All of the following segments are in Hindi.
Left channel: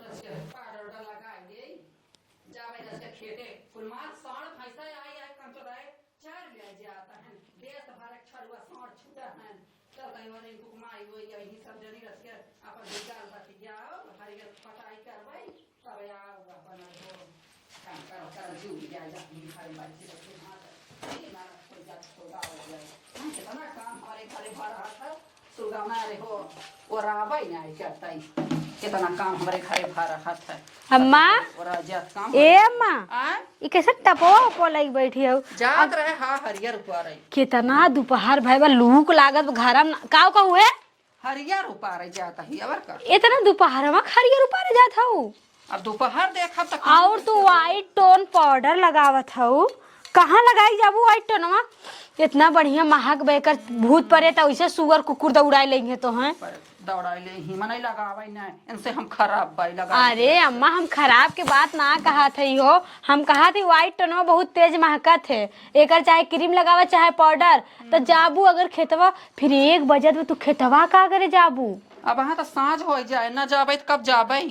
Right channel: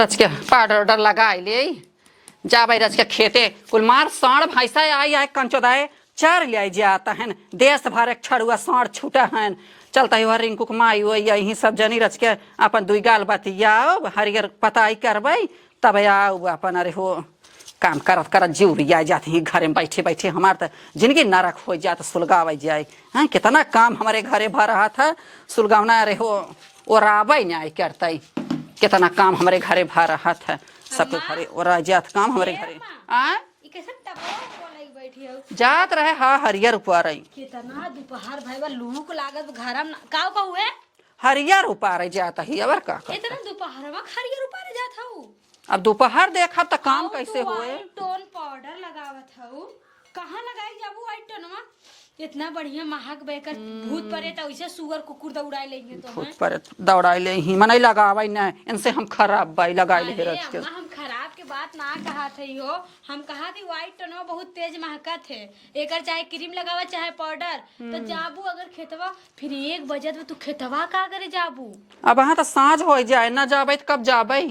रच के पाउडर वाउडर लगा ले जा भाई रच के खेते कुल मार साढ़ भैंसा आई आए कंचोदाए चर ले जाता है देश भर एक छड़ुआ साढ़ छूटा है चलता है रिंकू के माई हो यही सब जनी रच के अपन दुई गाल बतियाओ हरियर पताई करब तब आओ अपन अरे हो काम करत करत जीव रिया जाते हैं घरे में बैठे बैठे हमार तो जिंदगी नरक हो जाए सुलगाव जाए हाँ कितना काम हमारे घरे भर रहा था सुलगावना अरे हो और आवे न्याय करते कितना काम हमारे घरे भर रहा था अम्मा और जात काम ए अम्मा ई कैसे टपो पो लगी बैठी हो जात रहे हाँ हरियर ऊपर आई कितना दोपहर भाई बा लूक लागत घर में काव का हुए हरियर ऊपर जाता ही अबर का इतना दोपहर में हरियर ऊपर जात हो अब दोपहर देखा तो काम और तू व्हाइट टोन पाउडर लगावत हो कहाँ लगाई जाबू व्हाइट टोनवा इतना बढ़िया महक बेकर भूत परे तो वैसे सुअर कुकुर दौड़ा लेंगे तो हैं पर दौड़ा ले ही मन लगावे न इनसे हम खराब बाई लगा अरे अम्मा हम खराब के बात ना कहा थे हो हम कहा थे व्हाइट टोनवा बहुत तेज महका थे एकर चाहे क्रीम लगावा चाहे पाउडर तो जाबू अगर खेतवा फिर 1 बजे तो तू खेतवा का करे जाबू अब वहाँ तो साँझ हो जाए न जाबे तो कब जाबे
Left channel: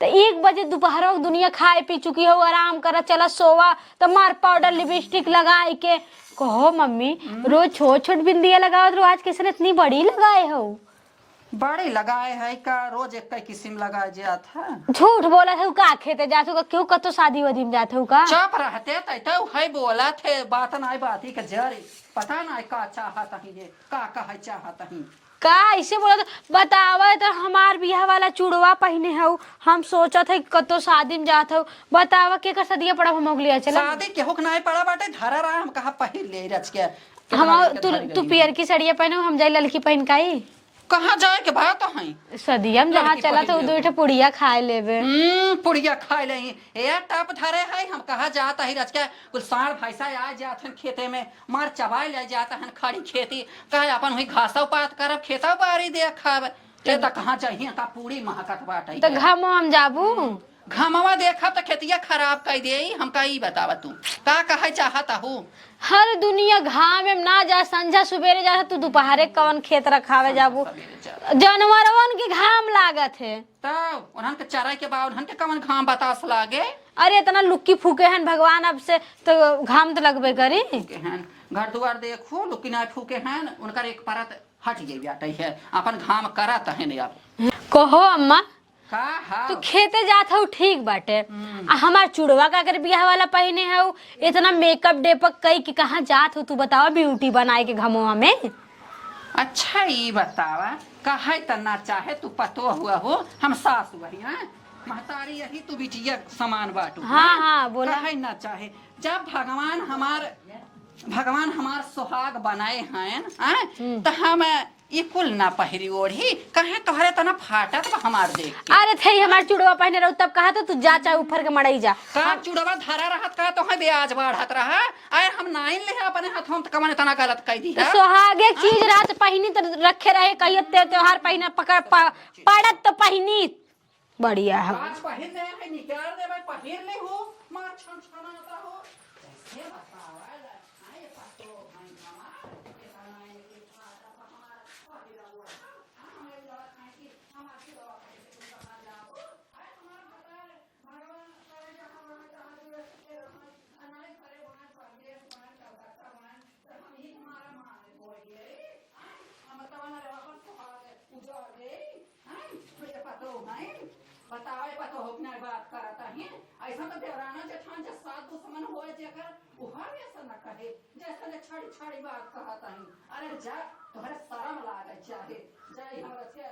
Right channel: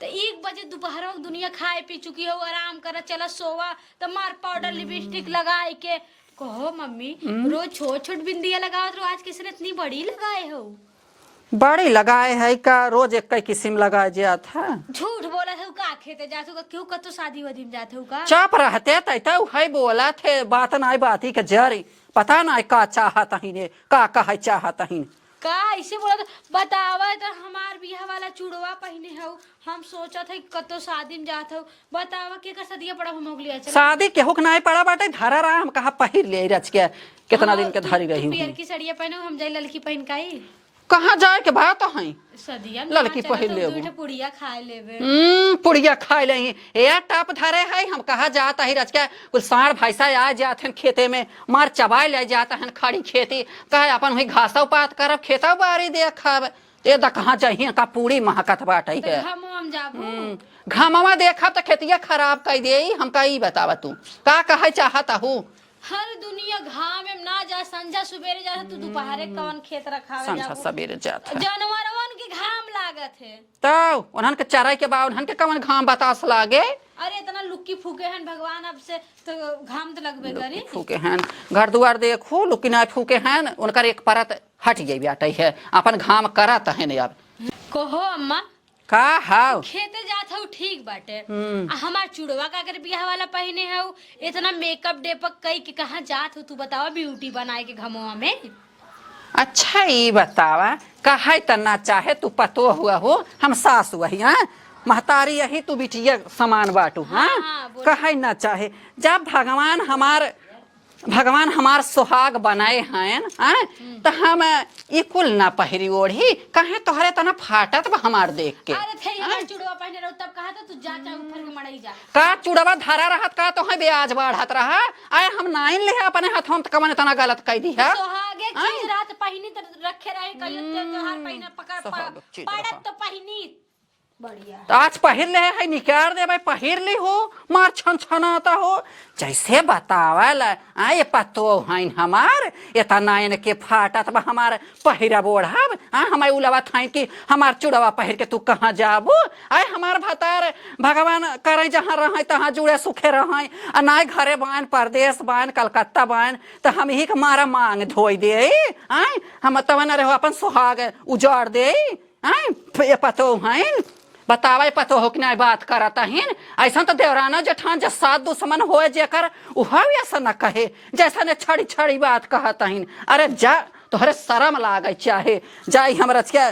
तो 1 बजे दोपहर में दुनिया खाए पी चुकी हो आराम करा चला सोवा तो मार पाउडर लिपस्टिक लगाए के कहो मम्मी रोज छोट छोट बिंदियां लगाओ तो आज किसने इतनी बड़ी लगाए हो बड़ी लगाए है का रोज एक किस्म लगाए जात है झूठ बोला था का खेते जाते हो क्यों कतो शादी वादी में जाते हो का चाप रहते तैता है बोला थे बात नाई बात ही के जरी पता ना का चाहत ही ने का कहे चाहत ही का ऐसे बोला तो बतावा तो हमार बियाह वाला चूड़वा पहने हो हम सोचत है कतो शादी में जात हो बतावा के कर सदिया पड़ा हम अगली चला शादी केहू के नाई पड़ा बाटे धरा रहा हम कहा पहिर ले रच के कितना दिन के धरी रही तू पियर की साड़ियां पहने हम जाई लड़की पहन काई कहाँ जाए के भाव तो है सदिया में जहाँ चला तो दो पुड़िया खाए लेवे पुड़िया खाए ले यार टाप धरे है हम कहा जाता है रच के कुछ साढ़ भैंसा आ जाते हैं खेते में मार चबाए ले जाता है खड़ी खेती कहे अपन वही घासा पात करब खेता बारी दे खाब ये तो कहाँ चाहिए का पूरी महकत बाटे तो घाम हम जाबू घामवा देखा तो खेतिया खराब कर दे हम का बतावा तू का कहे चाहता हूँ हर दुनिया घाम में ना जा संझा सुबेरे जा तू दोपहरे कौन खेत रखावे जाबू सवेरे जाता जानवरवन के घाम लागत है तो उन्हन के चराई के बाद उन्हन के कवन घाम बतास लागे अरे इतना लुक्की फूके हैं भगवान अब से तो घाम तो लगबे करे फूके हैं घर दुआर देखो लुक्की ना फूके हैं उनकर एक परत हट जाई बाटे है अपन घाम करत है यार कहो अम्मा का हाउ खेते जात हो ठीक बाटे हमार चुड़वा का कर बियाह वाला पहने हो इतना मेकअप डेपक कई कि कहाँ जात हो तू बतावा ब्यूटी बनाए के घमोआ में अच्छा ये बतावा कहे तना चाहे तू पतो हुआ हो हम सास वही हैं महतारी यही तू बिटिया समान बाटू हाँ, कहे ना चाहे जब भगवान हमार सुहाग बनाए हैं तो हम ये कुल ना पहिरी ओढ़ी कहे तोहरे तना फाटत हमार देख के अरे थे हमार चुड़वा पहने रहो तब कहा तू जा चाहे ऊपर के मड़ई जा का चुड़वा धरा रहत का तो है ब्याज बढ़त रहा आए हम नाइन ले अपने हाथों त कमने तना गलत कह दी है सुहागे चीज रात पहनी तो रखे रहे कहिए त्योहार पहना पकड़ पड़त तो पहनी बढ़िया है आज पहिर ले है निकाल दे भाई पहिर ली हो मार छन छनाता हो जैसे बतावल आए पतो हैं हमार इतना के फाटत बा हमार पहिरा बोढ़ब हमारे उलवा था कि हमार चुड़वा पहिर के तू कहाँ जाबू आए हमार भतार भगवान करे जहाँ रहे तहाँ जुड़े सुखे रहे आ ना घरे बान परदेश बान कलकत्ता बान तो हम ही के मारा मांग धोई दे आए हम तवन रहो अपन सुहाग उजाड़ दे आए पतो हैं बतावे पतो हो कि नहीं बात करता है ऐसा तो देवराना जेठान जब सात दुश्मन हो जेकर उहा ऐसा न कहे जैसा ने छड़ी छड़ी बात कहता है अरे जा तोहरे शर्म लागे चाहे जाई हम रच के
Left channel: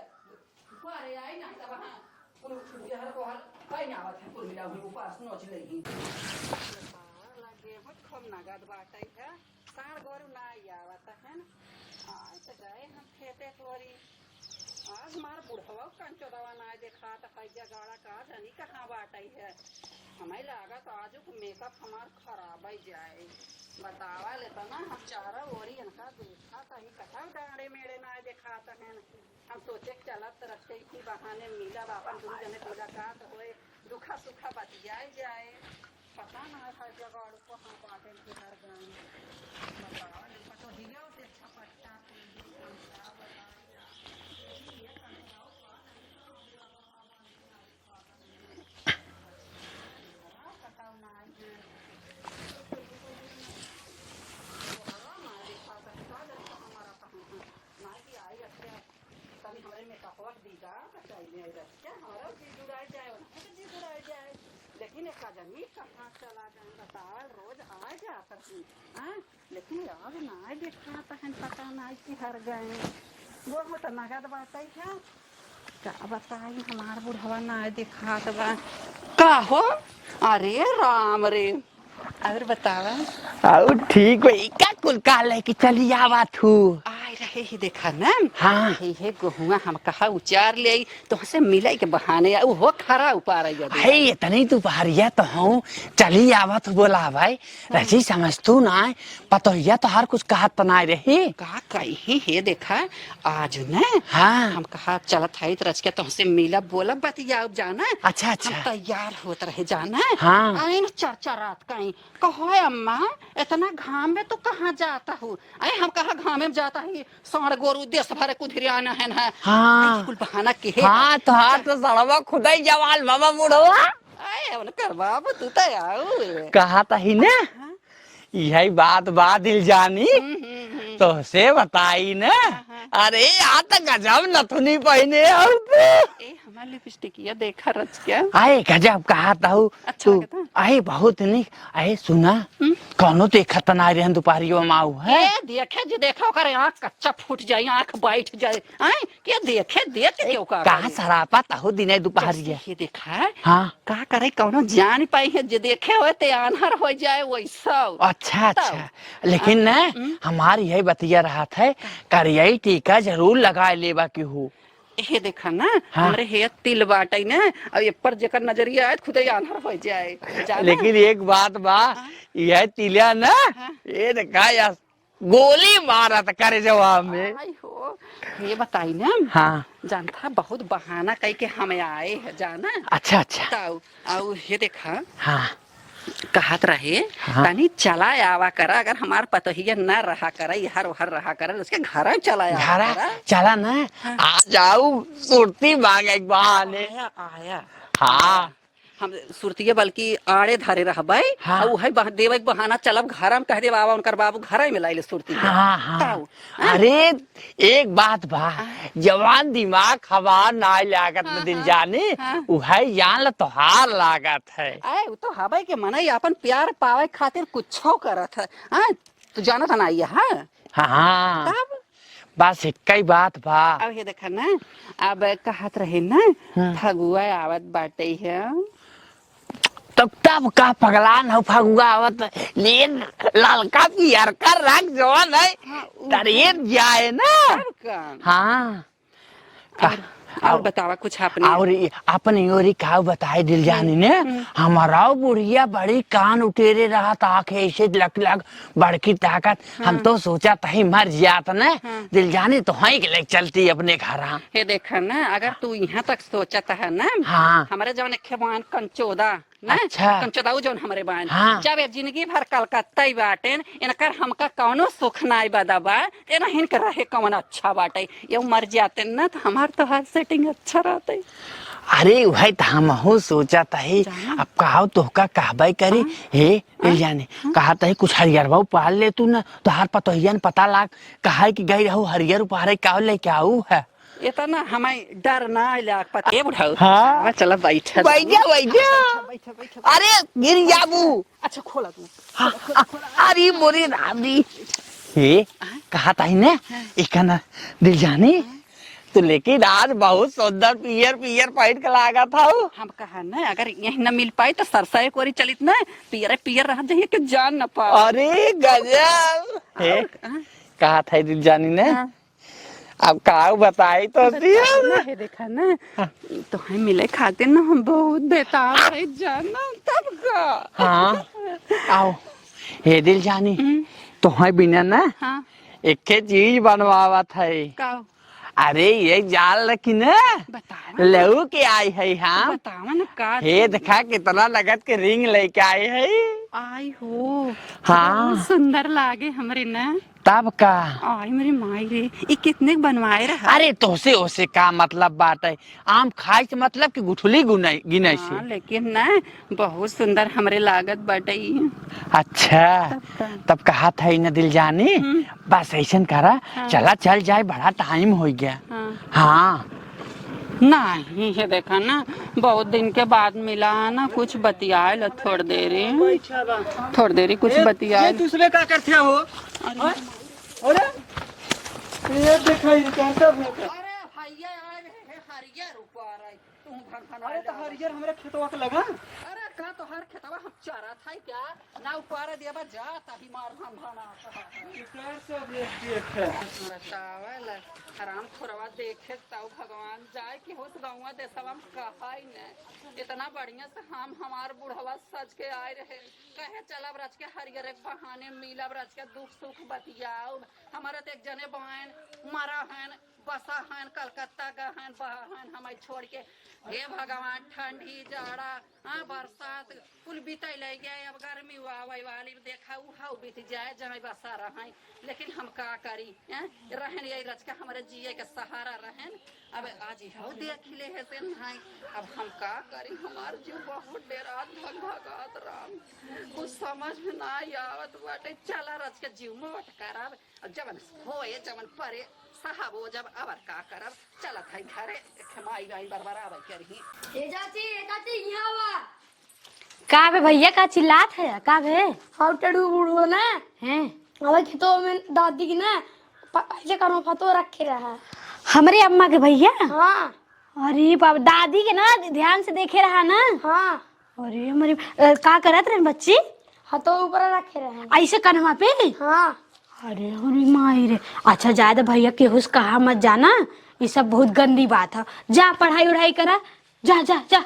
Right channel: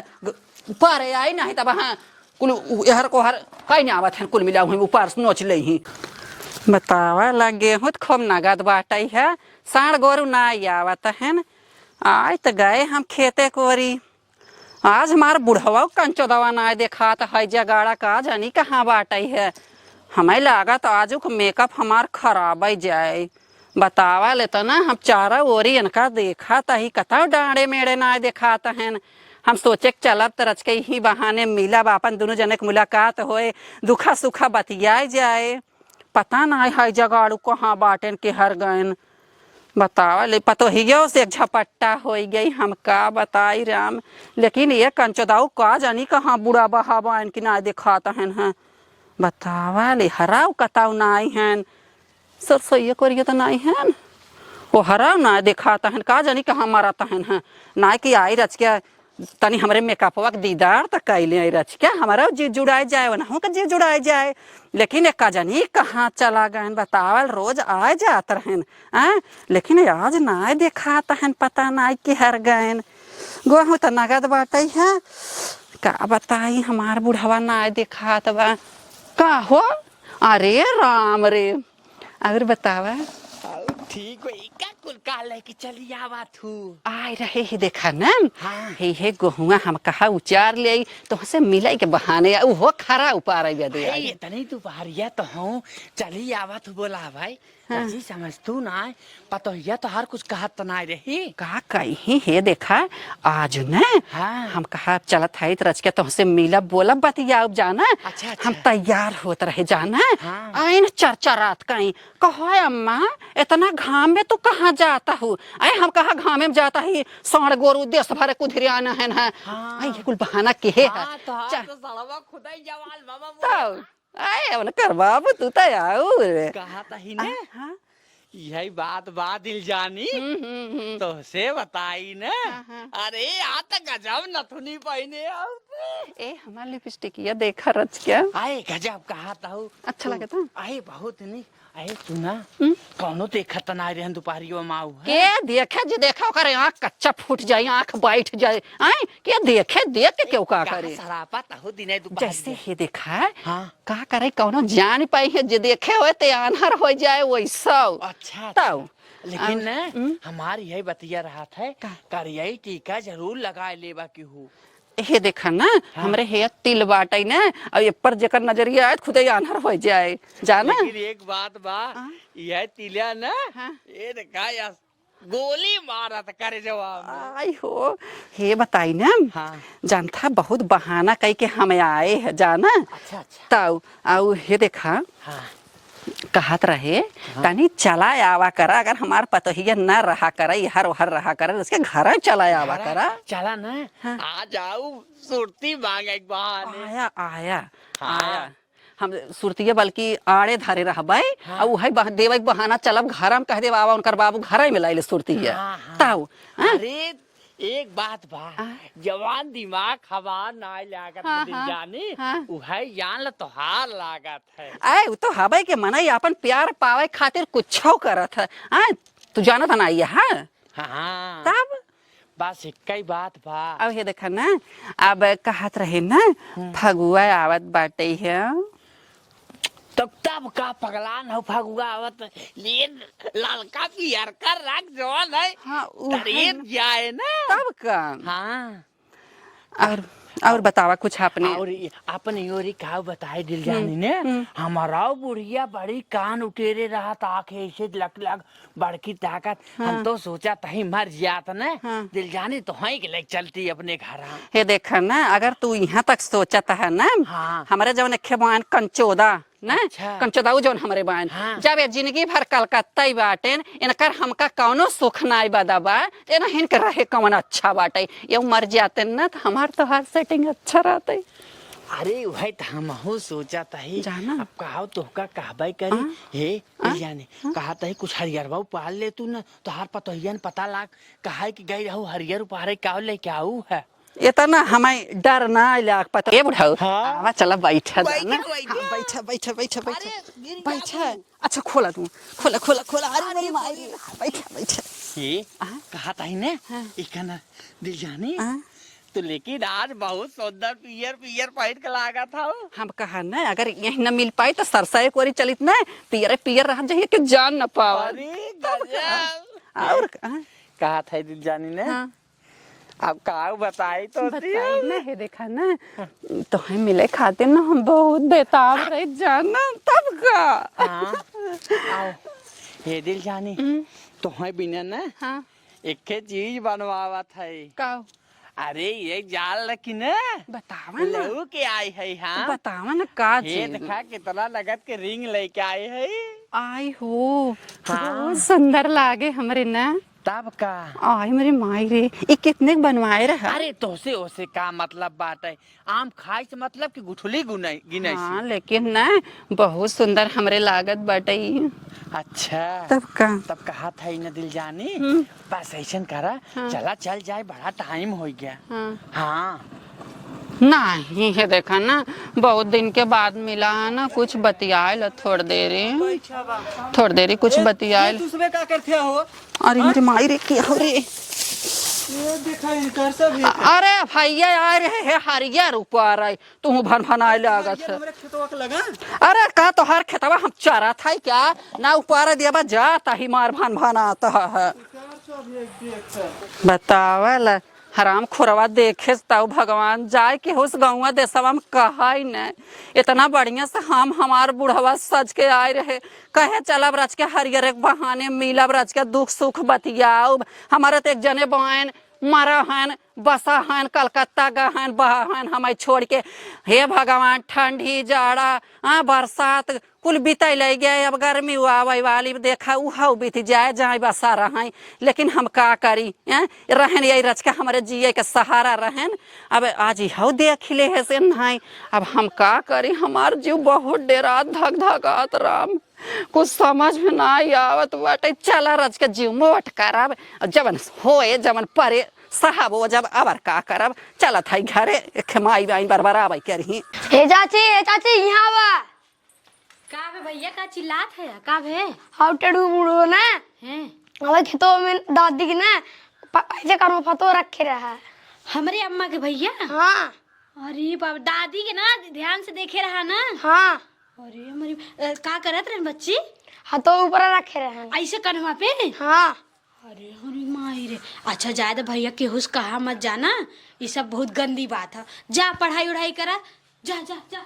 ऊपर आई नहीं तब हाँ कुल हर को हर कहीं नहीं आवत है कुल मिला हुई ऊपर नोच ले ही बतावा लगे हूँ तो खूब नगद बाटई है साढ़ गोरू ना आवत है आए तो गए हम खेते कोरी आज हमारा बुढ़वा कंचोदवा ना देखा तो है जगाड़ा का जानी कहाँ बाटई है हमें लगा तो आज का मेकअप हमार खराब जाए बतावा लेता ना हम चारा ओरी इनका देखा था ही कथा डांडे मेड़े ना दिखाता है हम सोचे चलब तो रच के ही बहाने मिला अपन दोनों जने के मुलाकात होए दुखा सुखा बतियाए जाए पता ना है जगाड़ू कहाँ बाटेन के हर गयन बतावा ले पतोहियो से झपट्टा हो गई, हम का बताई राम। लेकिन ये कंचोदाऊ का जानी कहाँ बुढ़ा बहावा इनकी ना दिखाता है। बतावा ले हराव कताऊ नाई हैं, सरसोईया कोरिया तो नाई हैं, वो हराव ना दिखाता है, का जानी कहाँ मारता है। ना कि आई रच के तनी हमरे मेकअपवा के दीदार तक कैले आई रच के हमारा जी जुड़ाए जाए वना का जी जुड़ाए जाए। लेकिन एक जानी कहाँ चला गए बतावल, रोज आए जात रहन लेकिन आज ना दिखाता है, पता ना कि हर गए गोहूँ तो नगद बाटे है। का बताई हमार बुढ़वा ना दिखात बा का हो। अरे राम रे, और बतावा आओ ठीक है का कुल का लेके चली आवा थू आए रहे ही देखा ना। हाँ हे गोहुआ हम कहा उचार ले तो से मिले के बहाने वो खरा उपार है इतनी तू पहाड़िया तो हूँ चली आवा तो बोला भाई रची समझ तू ना पतोहिया तो हर कुछ कहत तो ना रही का कही हे देखा आज न। हाँ हम कहा चलत है रच के तुमसे मिला बोला बतिया जाना। अच्छा अच्छा हम तैयार होत रहे जाना। हाँ आइन चर्चा रात कहीं कहो अम्मा इतना घाम में तो कहाँ जाता हूँ। अरे हम कहा घाम में जाता ही साढ़ गोरू देश भर कुधिरियाना है ना। हाँ कुल बहाना के हाँ तो हाथ तो सड़वा खुदाई जवाल बाबा बुढ़वा अरे कर बाबू तू तो आओ कहा था ही ना यही बात दिल जानी तो से बताई ना। अरे यहाँ तक गजब नथुनी पहने ए हमारा लिपस्टिक ये देखा रच क्या आए गजब कहा था अच्छा लगे तू आए बहुत नहीं आए सुना कौनो देखा तो ना रहे दोपहरियों माऊ है ए देखे जो देखा करे आँख कच्चा फूट जाए आँख बैठ जाए आए क्या देखे देख के क्यों कहा सरापा ताहू दिन दोपहरिया ही देखा हाँ क्या करे कौनो जान पाई है जो देखे हुए ते आन्हर हो जाए वैसा। अच्छा अच्छा लेकिन ना हमारी यही बतिया रहा था करियाई टीका जरूर लगा लेवा की हूँ ये देखा ना हमरे हे तिल बाटे ना और ये पर जेकर नजरिया आए खुद ही आन्हर हो जाए जाना। लेकिन एक बात बा यह तिलिया ना ये देखा यार गोली मारा था करे जवाब में। आई हो ये बताई ना। हाँ जानता बहुत बहाना कही के हमें आए है जाना। अच्छा अच्छा ताऊ आओ हे देखा हाँ कहत रहे तनी चला आवा करा अगर हमार पतोहिया न रहा करे हर हर रहा करे उसके घर चला आवा करा। चला ना आ जाऊ सुरती मांग एक बहाने आया आया हाँ हम सुरतिये बल्कि आड़े धरे रहबै हाँ। और वही देवे बहाना चलब घर में कह दे बाबा उनकर बाबू घर में लाइले सुरती के हाँ, हाँ। ताऊ अरे एक बात बा जवान दिमाग हवा ना लागत में दिल जाने उहे जान ल तोहार लागत है। ए तो हबै के मना अपन प्यार पावे खातिर कुछो करत है। तू जानत ना ये हां हाँ तब बस एक ही बात बा अब ये देखा ना अब कहत रहे ना फगुआ आवत बाटे है तब का पगलान हो फगुआ आवत लेन ललका पियर कर रख जवान है तरेत जाए ना अब का हाँ और बतावा कुछ आपने और अपन योरी का बताए दिल जानी ने हमारा बुढ़िया बड़ी कान उटेरे रहा ताक ऐसे लग लग बड़की ताकत हम तो सोचा तही मर जात ना दिल जानी तो वहीं के ले चलती अपने घर। ये देखा ना अगर तू यहाँ तक सोचत है ना हाँ हमारे जवन एक बहन कंचोदा ना अच्छा। कंचोदाऊ जवन हमारे बहन हाँ। जब ये जिंदगी भर कलकत्ता ही बाटे इनकर हमका कौनो सुख नाई बदबा एना हिनकर रहे कौन अच्छा बाटे ये मर जाते ना तो हमार तो हाथ सेटिंग अच्छा रहते। अरे वही तो हम हो सोचा तही अब कहा तो का कहबाई करी हे मिल जाने कहा तही कुछ हरियर भाव पाल ले तू ना तो हार पतोहियन पता लाग कहा कि गई रहू हरियर उपहारे का लेके आऊ है इतना हमें डर ना लाग पता बुढ़ाऊ। हाँ चलो बैठ बैठा अरे गिर जाबू अच्छा खोला तू खोला खोला खोला अरे मोरी रानी हे कहा ताई ने एक ना दिल जानी तो लेकिन आज बहुत सुंदर पियर पियर पहन के लागा था हम कहा ना अगर यही न मिल पाए तो सरसा एक ओरी चलित ना पियर पियर रह जाइए कि जान न पाओ। अरे गजब कहा था दिल जानी ने अब का बताई तो देखा ना तो है मिले खाते ना हम बहुत बेताब रहे जाना तब का। हाँ आओ हे दिल जानी तो है बिना ना एक चीज बनवावा था अरे ये जाल रखी न बतावा लहू के आई है हाँ बतावा ना का हे देखा कितना लगत के रिंग लेके आए है आई हो हाँ। बहुत सुंदर लागे हमरे ना। तब का आई मेरे माई रे ये कितने के बनवाए रहे। अरे तोसे ओसे का मतलब बात है आम खाए के मतलब कि गुठली गुनाई गिनाई हाँ, से लेकिन ना बहुत सुंदर हमरे लागत बाटे ई। अच्छा तब कहा था न दिल जानी बस ऐसा करा चला चल जाए बड़ा टाइम हो गया हाँ नहीं है देखा ना बहुत दिन के बाद मिला है ना कुछ बतियाए थोड़ी देरी कुछ बतियाए। दूसरे का करते हो अरे मेरे माई रे की अरे अरे भैया आ रहे है हरिया रुपा रहे तू भन भनाए लागत है। अरे का तो हर खेतवा हम चारा था क्या ना ऊपर दिया जाता ही मार भन भनाता है। बतावल हराम खुरवा देखे ताऊ भगवान जाए कि उस गाँव देशवा में कहा ही न इतना बढ़िया से हम हमार बुढ़वा सज के आए रहे कहे चलब रच के हरियर एक बहाने मिलब रच के दुख सुख बतियाऊ। हमारे तो एक जने बहन मरा हन बसा हन कलकत्ता गहन बहन हमें छोड़ के। हे भगवान ठंडी जाड़ा बरसात कुल बीते ले गए अब गर्मी आवे वाली देखा उहा बीत जाए जहाँ बसा रहें लेकिन हम का करी रहन यही रच के हमारे जिये के सहारा रहन। अब आज यह देख ले है से नहीं अब हम का करी हमार जीव बहुत डेरा धक धकात राम कुछ समझ में ना आवत बाटे। चला रच के जीव मोट करब जबन होए जबन परे साहब वो जब अबर का करब चलत है घरे खेमाई बाई बरबराबै करही। ए चाची यहाँ वा का बे भैया का चिल्लात है का बे हम टेढ़ू बूढ़ो ना हैं हमारे खेतों में दादी की ना ऐसे कानों फतो रखे रहा। हमरे अम्मा के भैया हाँ अरे बाप दादी के ना ध्यान से देखे रहा ना। हाँ अरे हमारे का करत रहे बच्ची हाथों ऊपर रखे रहे ऐसे कन्हवा पे हाँ। अरे अरे माई रे अच्छा ज्यादा भैया केहुस कहा मत जाना ये सब बहुत गंदी बात है। जा पढ़ाई उढ़ाई करा जा जा जा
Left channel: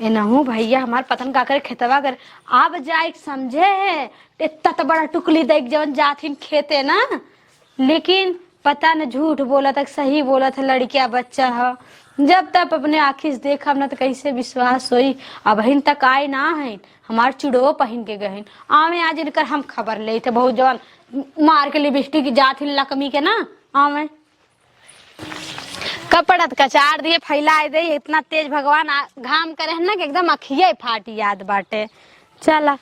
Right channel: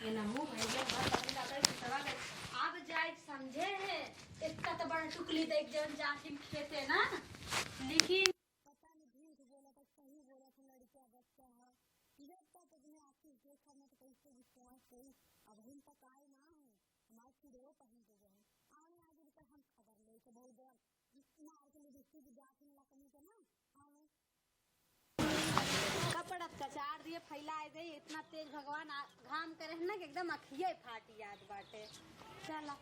ए नहू भैया हमार पतन का करे खेतवा कर अब जाए समझे है इतना तो बड़ा टुकली देख जवन जाथिन खेते ना लेकिन पता न झूठ बोला तक सही बोला था लड़किया बच्चा है जब तक अपने आँखी से देखा न तो कैसे विश्वास होई। अब हिन तक आए ना है हमार चुड़ो पहन के गहन आवे आज इनकर हम खबर ले थे बहुत जवान मार के लिपस्टिक की जात ही लकमी के ना आवे कपड़त कचार दिए फैलाए दे इतना तेज भगवान घाम करे ना कि एकदम अखिये फाटी याद बाटे। चला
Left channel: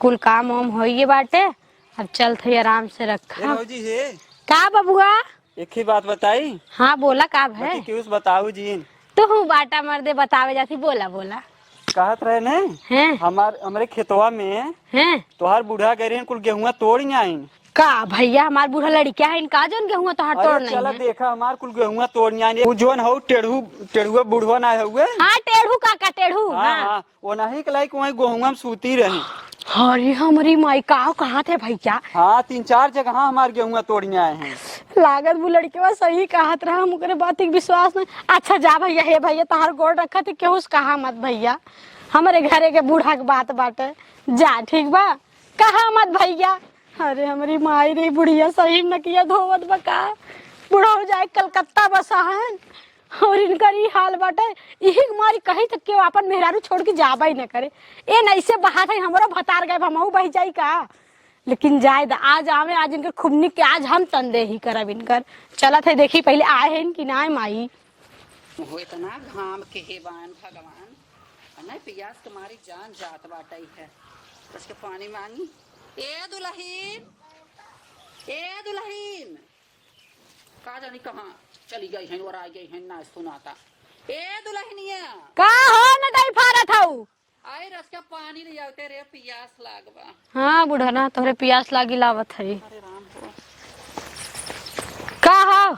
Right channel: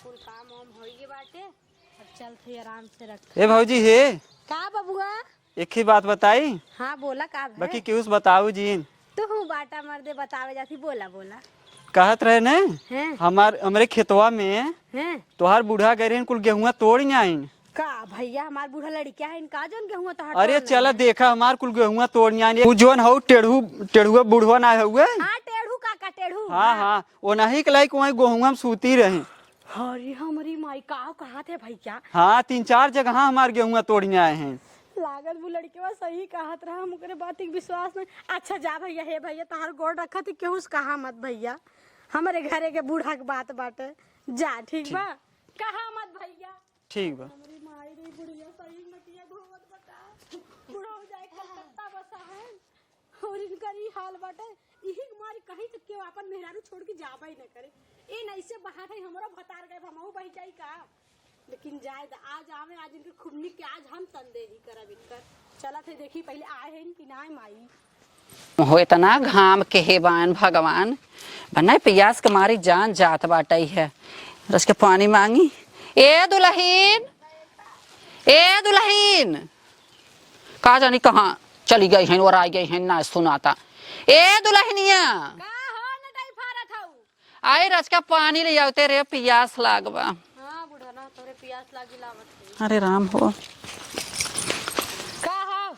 कुल काम वाम होइए बाटे अब चल थे आराम से रख। ए भौजी हे का बबुआ एक ही बात बताई हाँ बोला का है बाकी क्यों बताऊ जी तू हूँ बाटा मर्दे बतावे जाती बोला बोला कहत रहे ने हैं हमारे खेतवा में हैं तोहार बूढ़ा गरीन कुल गेहुआ तोड़ आइन का भैया हमार बूढ़ा लड़किया है इनका जोन गेहूं तो हटो अरे चला देखा हमार कुल गेहुआ तोड़ आइन उ जोन हो टेढ़ुआ बुढ़वा ना हुए हाँ टेढ़ू काका टेढ़ू हाँ हाँ वो नहीं के लायक वही गेहुआ में सूती रही। अरे हमारी माई का कहा थे भैया हाँ 3-4 जगह हमार गेहुआ तोड़ने आए हैं। लागत वो लड़के बा सही कहत रहा मुकरे बात के विश्वास नहीं। अच्छा जा भैया हे भैया तहार गोड़ रखा थे केहू कहा मत भैया हमारे घरे के बूढ़ा के बात बाटे जा ठीक बा कहा मत भैया। अरे हमारी माई रे बुढ़िया सही न किया धोवत बका बूढ़ा हो जाए कलकत्ता बसा है और इनकर ही हाल बाटे यही मारी कही तक के अपन मेहरारू छोड़ के जाबा ही न करे ए नहीं से बहात है हमारा भतार गए हमहू बह जाई का लेकिन जाए आज आवे आज इनकर खुबनी के आज हम तंदे ही करब इनकर चला थे देखी पहले आए हैं कि ना माई हो इतना घाम के हे बान भगवान बनाए प्यास के मारी जान जात बाटई है रस के पानी मांगी। ए दुल्हीन का जानी कहाँ चली गई हैं और आ गई हैं ना सुनाता। ए दुल्हनिया का हो न दई फारत हऊ आए रच का पानी ले आवते रे प्यास लागबा। हाँ बूढ़ा ना तोहरे प्यास लागी लावत है अरे राम हो का हो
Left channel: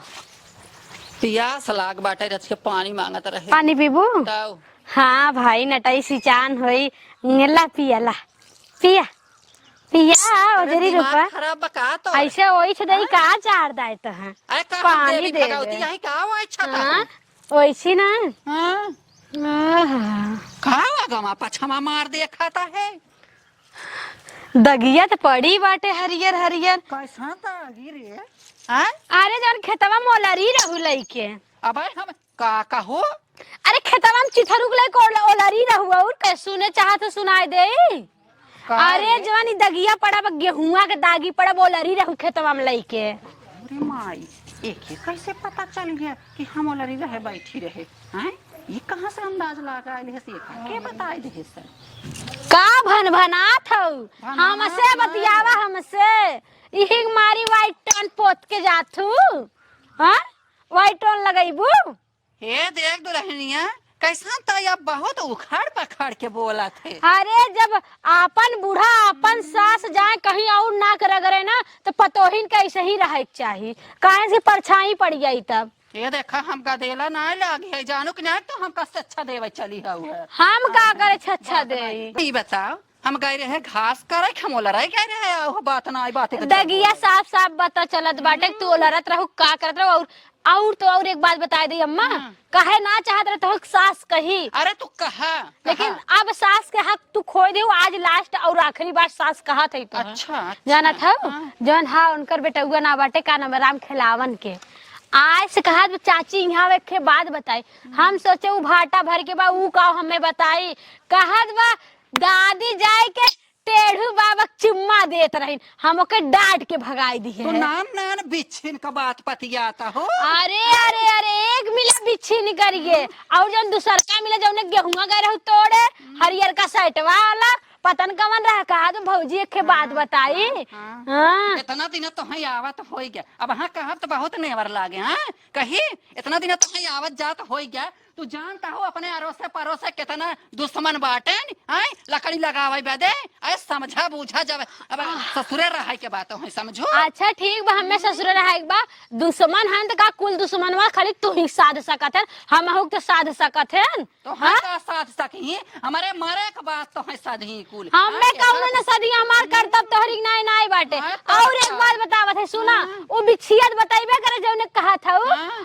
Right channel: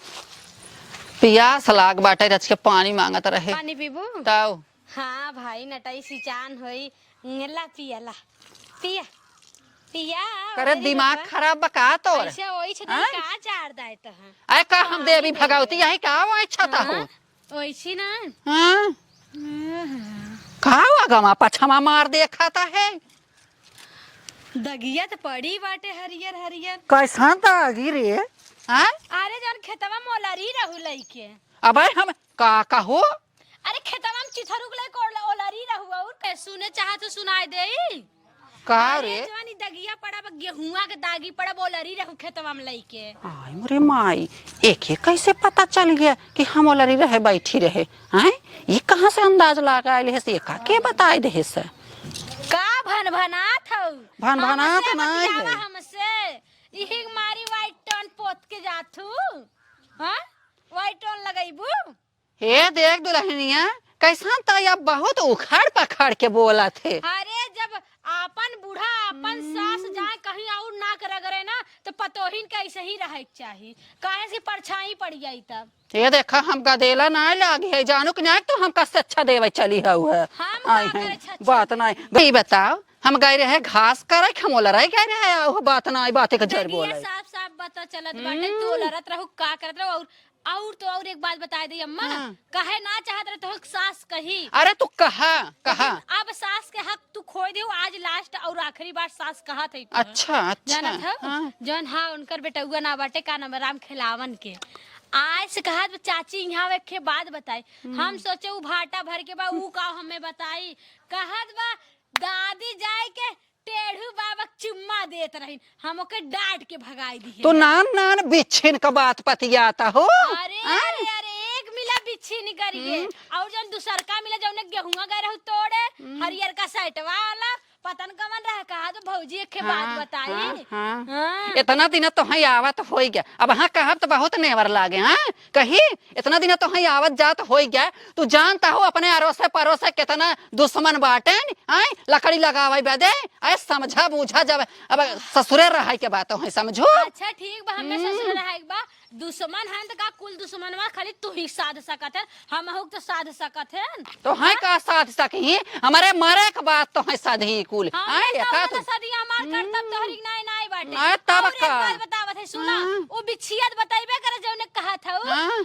प्यास लाग बाटे रच के पानी मांगत रहे पानी पीबू ताऊ। हाँ भाई नटई सिचान होई ला पियला पिया पिया अरे उधरी दिमाग रुपा खराब बका तो ऐसे ओई छ दई का चार दाय त है आए का हम पानी देवी दे भगवती दे। यही का वो छता हो ओइसी ना हां आहा। खावा गमा पछमा मार दे खाता है दगिया तो पड़ी बाटे हरियर हरियर कैसा दागी रे हाँ? अरे जौन खेतवा मोलरी रहू लइके। अबे हम का कहो? अरे खेतवा में चिथरुक लइके ओलरी रहू और के सुने चाह तो सुनाई दे। का अरे रे? जवानी दगिया पड़ा गेहुआ के दागी पड़ा ओलरी रहू खेतवा में लइके। अरे माई, एक कैसे पता चल गया कि हम ओलरी रहे बैठी रहे? हैं? ये कहाँ से अंदाज लगाए ले से? का के बताए दे से? का भनभनात हौ? भनभनात हमसे नहीं बतियावा है। हमसे। इही मारी वाइट टोन पोत के जाथू। हां? White tone लगाइबू? हे देख दुल्हनिया, कैसा तो या बहुत उखड़ पखड़ के बोला थे। अरे जब आपन बूढ़ा आपन सास जाए कहीं और नाक रगड़े ना तो पतोहिन के ऐसे ही रहे के चाहिए। काहे से परछाई पड़ जाई तब। ये देखा हम गदेला ना लागे है, जानू कि नहीं तो हम कस अच्छा देवे चली है। हम का करे छच्छा बात दे। नहीं भाई बताओ, हम गए रहे घास करे हम ओलराई कह रहे हैं, वो बात ना बात के दगिया साफ साफ बता चलत बाटे तू लड़त रहू का करत रहू। और तो और एक बात बता दी अम्मा, काहे ना चाहत रहे तो सास कही। अरे तू कहा लेकिन अब सास के हक तू खोई दे। आज लास्ट और आखिरी बार सास कहा थी तो अच्छा जाना था जौन हाँ उनकर बेटा हुआ ना बाटे का नाम राम खिलावन के। आज से कहा चाची यहाँ बैठे बात बताई। हम सोचे उ भाटा भर के बा उ का हमें बताई। कहत बा दादी जाए के टेढ़ू बाबा चुम्मा देत रही, हम ओके डांट के भगाई दी। तू नान नान बिच्छिन का बात पतियाता हो। अरे अरे अरे एक मिला बिच्छी नहीं करिए और जन दूसर का मिला जौने गेहुआ गए रहू तोड़े हरियर का सटवा वाला पतन कवन रहा। कहा तो भौजी एक के बात बताई। हाँ। इतना दिन तो ही आवत हो गया, अब हाँ कहब तो बहुत नेवर लागे। हाँ कही इतना दिन तो ही आवत जात हो गया। तू जानता हो अपने अरोसे परोसे कितना दुश्मन बाटे। लकड़ी लगावे बदे ऐ समझा बूझा जब अब ससुरे रहे के बात हो समझो। अच्छा ठीक बा, हमें ससुर रहे बा दुश्मन हन तो का कुल दुश्मन वा खाली तू ही साध सकत है, हम हो तो साध सकत है। तो है का साथ सकी हमारे मरे के बात तो है सधी कुल। हमने कहूं ना सदी हमार करतब तोहरी नहीं नहीं बाटे। और एक बात बतावत है सुना, वो बिछियत बताइबे करे जौने कहा था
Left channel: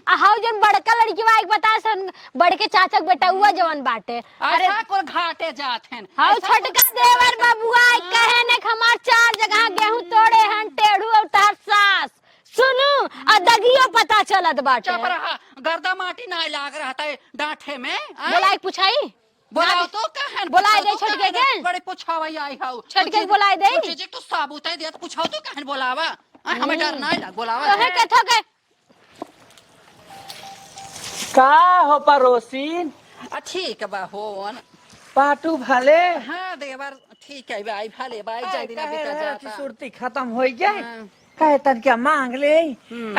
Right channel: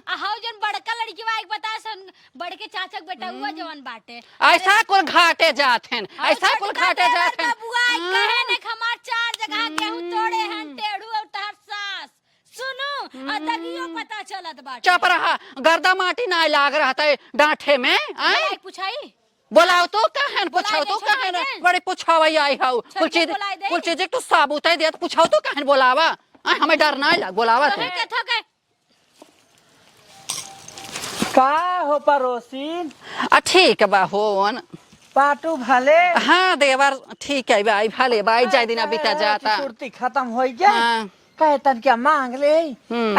आ हाउ जन बड़का लड़की वा एक बता सन बड़के चाचा के बेटा हुआ जवन बाटे। ऐसा को घाटे जाथेन, हाउ ऐसा को छोटका घाटे देवर जाथेन। बाबुआ कहे ने हमार 4 जगह गेहूं तोड़े हन टेढ़ू और तार सास सुनु आ दगियो पता चलत बाटे। चुप रहा, गर्दा माटी ना लाग रहा था डांठे में। बोलाई पूछाई बोलाओ तो कहन बोलाए दे छोटके के। बड़े पूछावई आई हो छोटके बोलाए दे। कुछ चीज तू साबूत है दे तो पूछाओ तो कहन बोलावा। हमें डर ना लग बोलावा। कहे के थके का हो पड़ोसी? ठीक बा होन पाटू भले हाँ देवर ठीक है भाई भले भाई जाय दिन बीता जाता। सुरती खत्म हो गया हाँ। है तन क्या मांग ले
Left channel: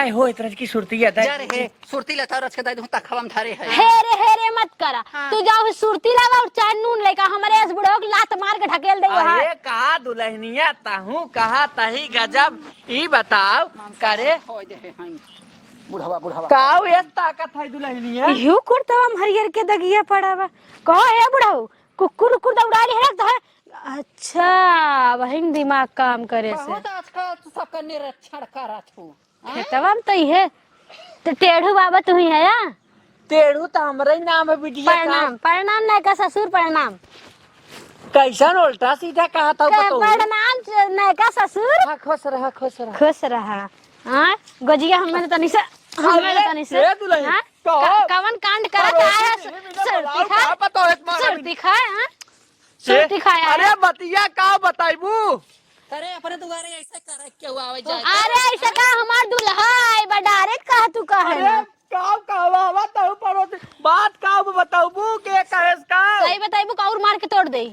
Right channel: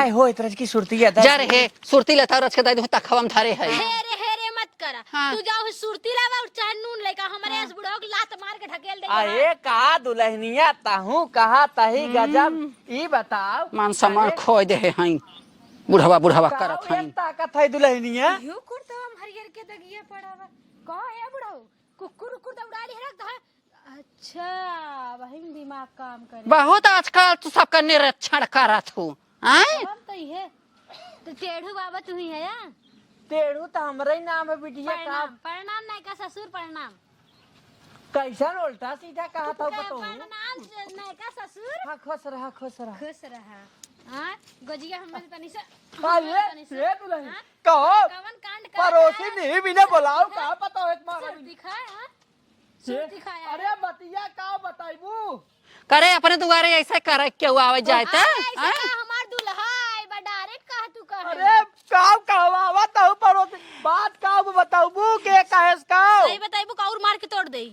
आई हो इतरज की सुरती है जर है सुरती लता रच के दाई तक खवम धरे है। हेरे मत करा। हाँ। तू जाओ सुरती लावा और चाय नून लेका हमारे इस बुढ़ो की लात मार के ढकेल दे। अरे कहा दुल्हनिया ताहू कहा तही गजब। ई बताओ मान सम्मान खोय दे हैं बुढ़वा बुढ़वा काऊ ये ताकत है दुल्हनिया। यू कुर्ता हम हरियर के दगिया पड़ावा कहो है बुढ़ो कुकुर कुकुर दौड़ाली है रख दे। अच्छा वही दिमाग काम करे बहुत आजकल तू सबका निरीक्षण करत हो। तब तो ही है तो टेढ़ू बाबा तू ही है या तेड़ू तो हमारा ही नाम है बिटिया का। प्रणाम प्रणाम नहीं का ससुर प्रणाम। कैसन उल्टा सीधा कहा था बताओ। प्रणाम नहीं का ससुर। हाँ, खुश रहा खुश रहा। खुश रहा। हाँ गोजिया हमें तनी से हमें तनी से ये दुल्हन, हाँ? कहाँ? कवन कांड पड़ोसी नहीं बिना बुलाओ, क्या पता है तुम्हारा? सुरती खाए हाँ सुरती खाए अरे बतिया का बताइबू? करे अपने दुआरे ऐसे करे क्यों आवे जाए अरे ऐसे का हमार दुल्हा है बडारे कहा तू कहा अरे काम कहवा ताऊ पड़ोसी बात का बताऊबू के कहेस का? सही बताइबू का और मार के तोड़ दे।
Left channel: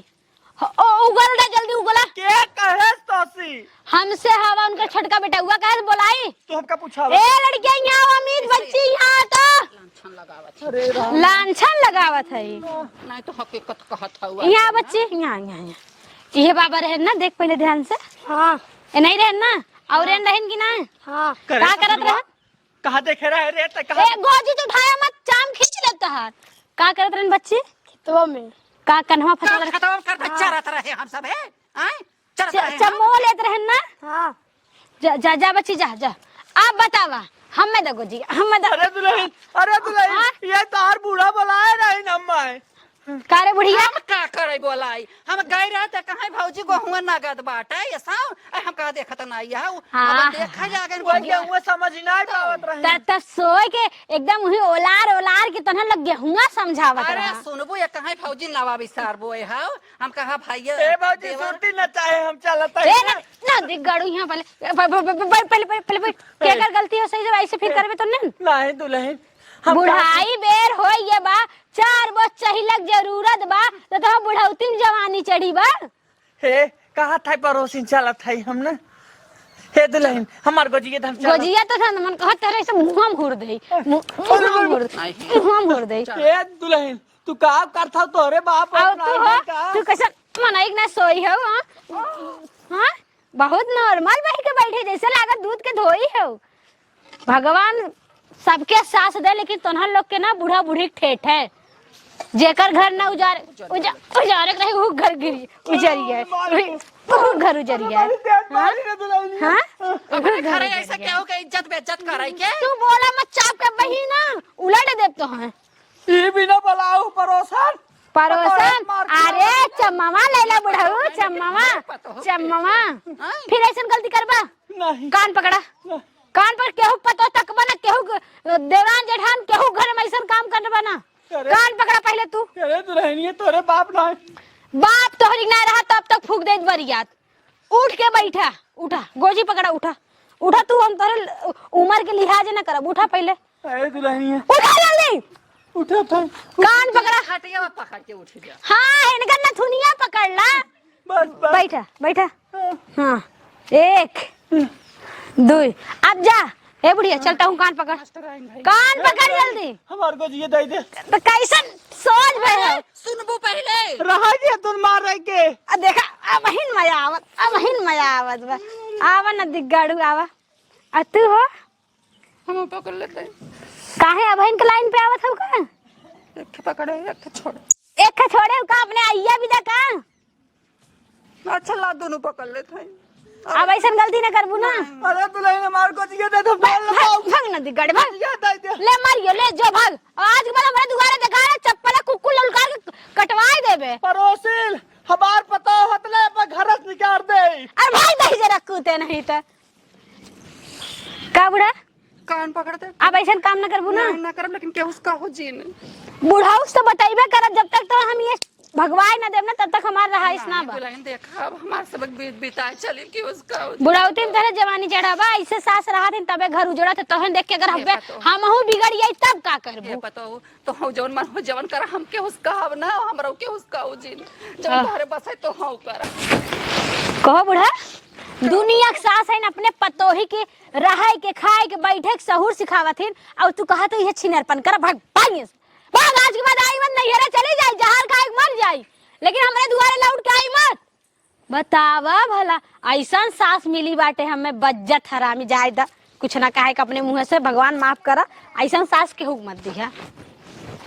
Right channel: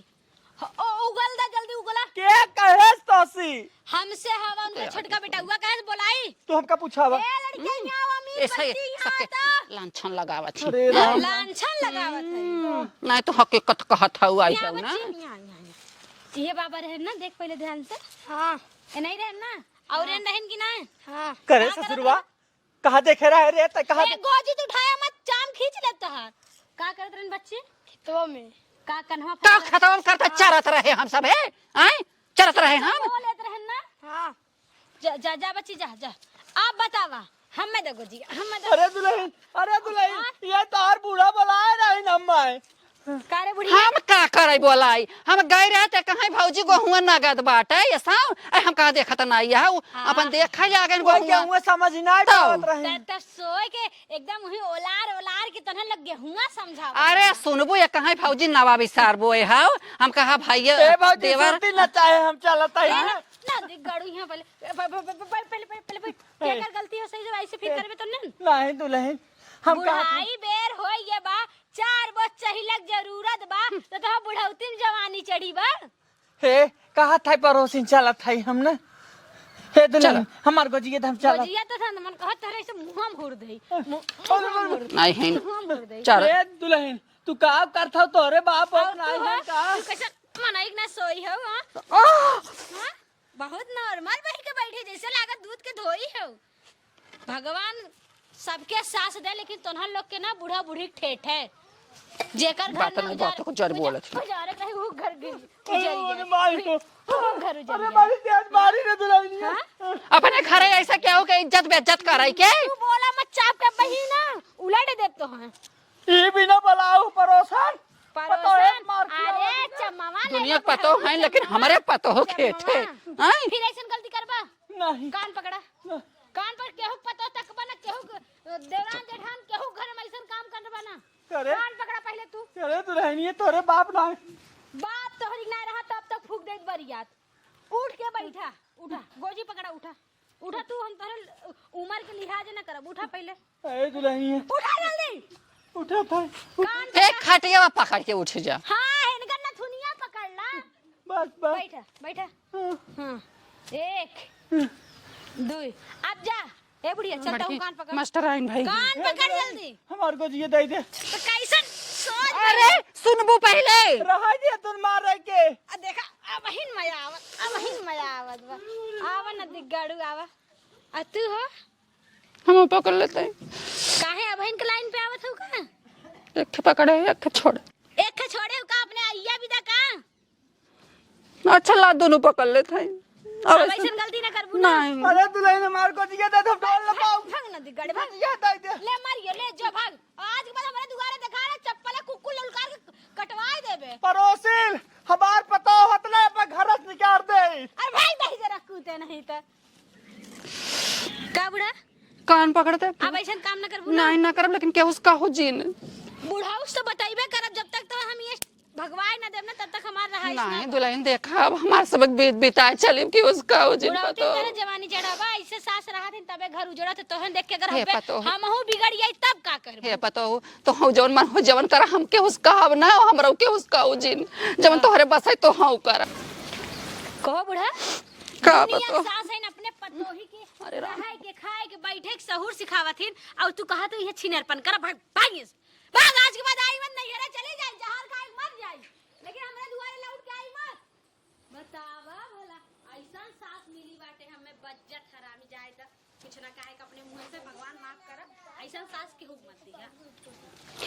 ओ उगल दे जल्दी उगला। के कहेस तोसी? हमसे हवा उनका छोटका बेटा हुआ कहा बोलाई। तू हमका पूछा ए लड़कियां यहाँ अमीर बच्ची यहाँ तो लांछन लगावत थी। लांछन लगावत है। नहीं तो हकीकत कहत हुआ यहाँ बच्ची यहाँ यहाँ यहाँ ये बाबा रहे ना देख पहले ध्यान से। हाँ ए नहीं रहे ना और रहें कि ना हाँ करे का करत ससुरवा? रहे? कहा देखे रहा है रे त कहा ए गोजी तो उठाया मत चाम खींच लेता है। का करत रहन बच्ची तो में का कन्हवा का फटा खत्म करता चरत रहे हम सब है। आए चरत रहे हम। चमो लेत रहन ना। हाँ जा जा जा बच्ची जा जा अब बतावा हमें दो गोजी हमें दो। अरे दुल्हन ये तो और बूढ़ा बुलाया नहीं नम्मा है। कारे बुढ़िया हम का करे बोलाई हम गए रहे त कहीं भौजी को हुआ नगद बाटे ये साव हम कहा देखत नहीं है अपन देखा जाके गेहुआ समझ ना त सोए के एकदम वही ओलार ओलार के तनह लग गेहुआ समझावत अरे सुनबो ये कहीं भौजी नवा विसार बोए हाउ हम कहा भैया देवर ना चाहे हम चलता रे ना देख गाड़ू यहाँ पहले क्या कर गलती हो सही से ऐसे फिर करबे तो नहीं दुल्हन बुढ़ाई बेर हो ये बा 4 बस चहिलक जरूरत बा तो बुढ़ौतीन जवानी चढ़ी बा हे कहा था पड़ोसिन चलत है हमने हे दुल्हन हमार गोजिया धम चल गोजिया तो था मन कहत रहे से मुंह में घुर दे मुंह घुर दे हे दुल्हन तू का करथा तोरे बाप तू कैसे मनाई ना सोई हो हां बहुत नॉर्मल बह के बैठे जैसे लागत दूध के धोई हो भगवान सबके सास दे लेकिन तोहर लोग के ना बूढ़ा बूढ़ी ठेठ है जेकर घर ना उजारे रहे वो घर गिरी उजरिया वो घर उजरिया हां अपने घरे ऐसा क्या हो के इज्जत बेइज्जत कराई के तू बोला मत चाप के बही ना उलट दे तो है ई बिना बुलाओ पड़ोसन अरे चम्मा लैला बुढ़ाऊ हमारे पतो हो चम्मा फिर ऐसा गलती करबा नहीं कान पकड़ा कान पर केहू पतो तकबा ना केहू देवान जेठान केहू घर में ऐसा काम करबा ना कान पकड़ा पहले तू अरे दुल्हनिए तोरे बाप ना बाप तोहरी ना रहा तब तक फूक दे बरियात उठ के बैठा उठा गोजी पकड़ा उठा उठा तू हम तोरे उम्र के लिहाज ना करब उठा पहले अरे दुल्हनिए उठा जल्दी उठो तो कान पकड़ा खटिया पकड़ के उठ जा हां इनका ना थुनिया पकड़ ला बैठा बैठा हां 1 2 अब जा ए बुढ़िया चलता हूँ कान पकड़ मास्टर आइन भाई कान पकड़ जल्दी हमार गोजिया दे दे तो कैसे सोच बहे सुनबो पहले रहा के तुम मार रहे के आ देखा अब हिन मजा आवत बा आवा न दिगाड़ू आवा आ तू हो हम पकड़ लेते हैं काहे अब हिन के लाइन पे आवत हो का एक पकड़े एक छोड़ एक का छोड़े का अपने आइया विदा का अच्छा ला दोनों पकड़ लेते हैं अब ऐसा गलती ना करबू ना अरे दुल्हन मार गोजिया दे तो बोल भाग न दिगाड़े भाग दे दे ले मारियो ले जो भाग आज के बाद हमारे दुआरे देखा है चप्पल कुक्कू ललकार के कटवाई देबे पड़ोसिन हमार पता हतने पे घर से निकाल दे अरे भाई दही जरा कूते नहीं तो का बुढ़ा कान पकड़ते अब ऐसा काम ना करबू ना नहीं ना करब लेकिन क्या उसका हो जीन बुढ़ाऊ तो बताइबे करब जब तक तो हम ये भगवान ना देव ना तब तक हमार रहा इसना नहीं दुल्हन देखा अब हमार सबक बिताए चलिम कि उसका हो जीन बुढ़ाऊ तीन तरह जवानी चढ़ाबा ऐसे सास रहा दिन तबे घर उजड़ा थे तोहन देख के अगर हम हूं बिगड़ गई तब का करबे ये पता हो तो हम जवन मन हो जवन कर हम के उसका अब ना हमरा के उसका हो जीन जब तोहरे बस है तो हम कर कहो बुढ़ा दुनिया के सास है अपने पतोही के रहाय के खाए के बैठे के सहूर सिखावथिन और तू कहा तो ये छिनरपन कर भाग भाग आज के बाद आई मत नहीं हरे चली जाई जहर खाए मर जाई लेकिन हमरे दुआरे लौट के आई मत बतावा भला ऐसा सास मिली बाटे हमें बज्जत हरामी जायदा कुछ ना कहे के अपने मुंह से भगवान माफ करा ऐसा सास के हुक मत दिया